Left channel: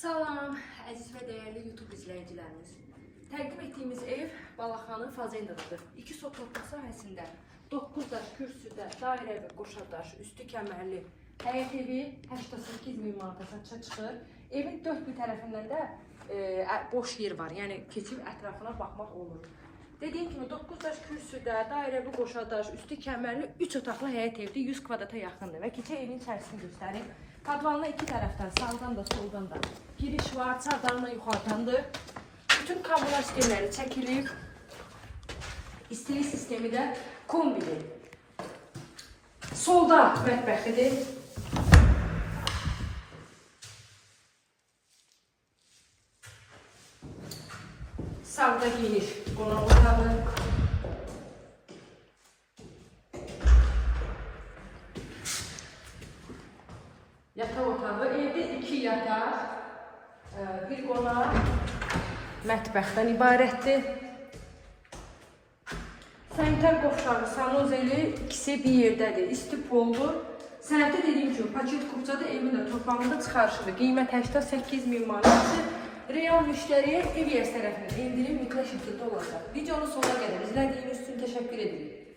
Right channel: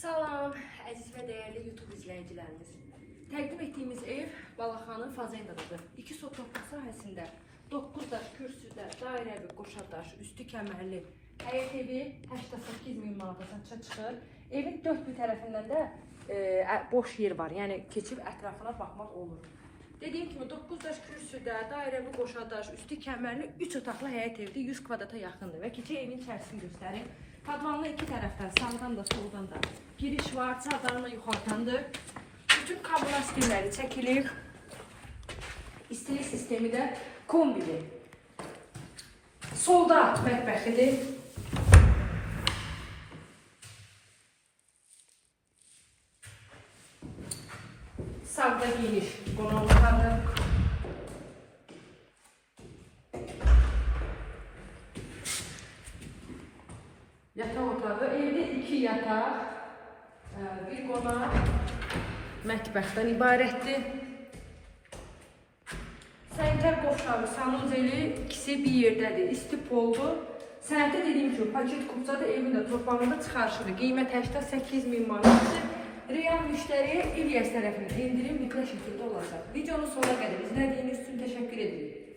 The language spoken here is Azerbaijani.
Salam, əziz və dəyərli YouTube izləyicilərimiz. Təqdim etdiyimiz ev Balaxanın Fazendadadır. 2 sotluq sahəsində 9 daş kürsüdə, dairəvi, qoşadaş, üstü kəmərli həyət evi 88 min manata satışa çıxır. Evin 4 bir tərəfindən də boş yer var, yəni keçib ətrafına baxmaq olur. Dediyim kimi 9 daş kürsüdə, dairəvi, qoşadaş, üstü kəmərli 3 otaqlı həyət evdir, 100 kvadrata yaxındır və keçək evin içərisini göstərim. Padvanla iki tərəfdən, sağdan da, soldan da giriş var, çardanla yuxarıdandır. Bütün kommunal sistemləri çəkilir. İstilik sistemi də kombili. Solda mətbəxidir. Sağda geniş qonaq otağı. Yataq otağı, evdə 2 yataq, bir qonaq, mətbəxdən ibarətdir. Sənətlər qovşağı, sanuzeli ikisi bir yerdədir, isti poldur. Sənətə dediyim kimi, paket kupçada evin də torpağında çıxarışıdır. Qiymət 88 min manatdır. Real müştəriyə ev yəs tərəfindən endirim mütləq şəkildə olacaq. Videonun sonuna qədər izlədiyiniz üçün təşəkkür edirik.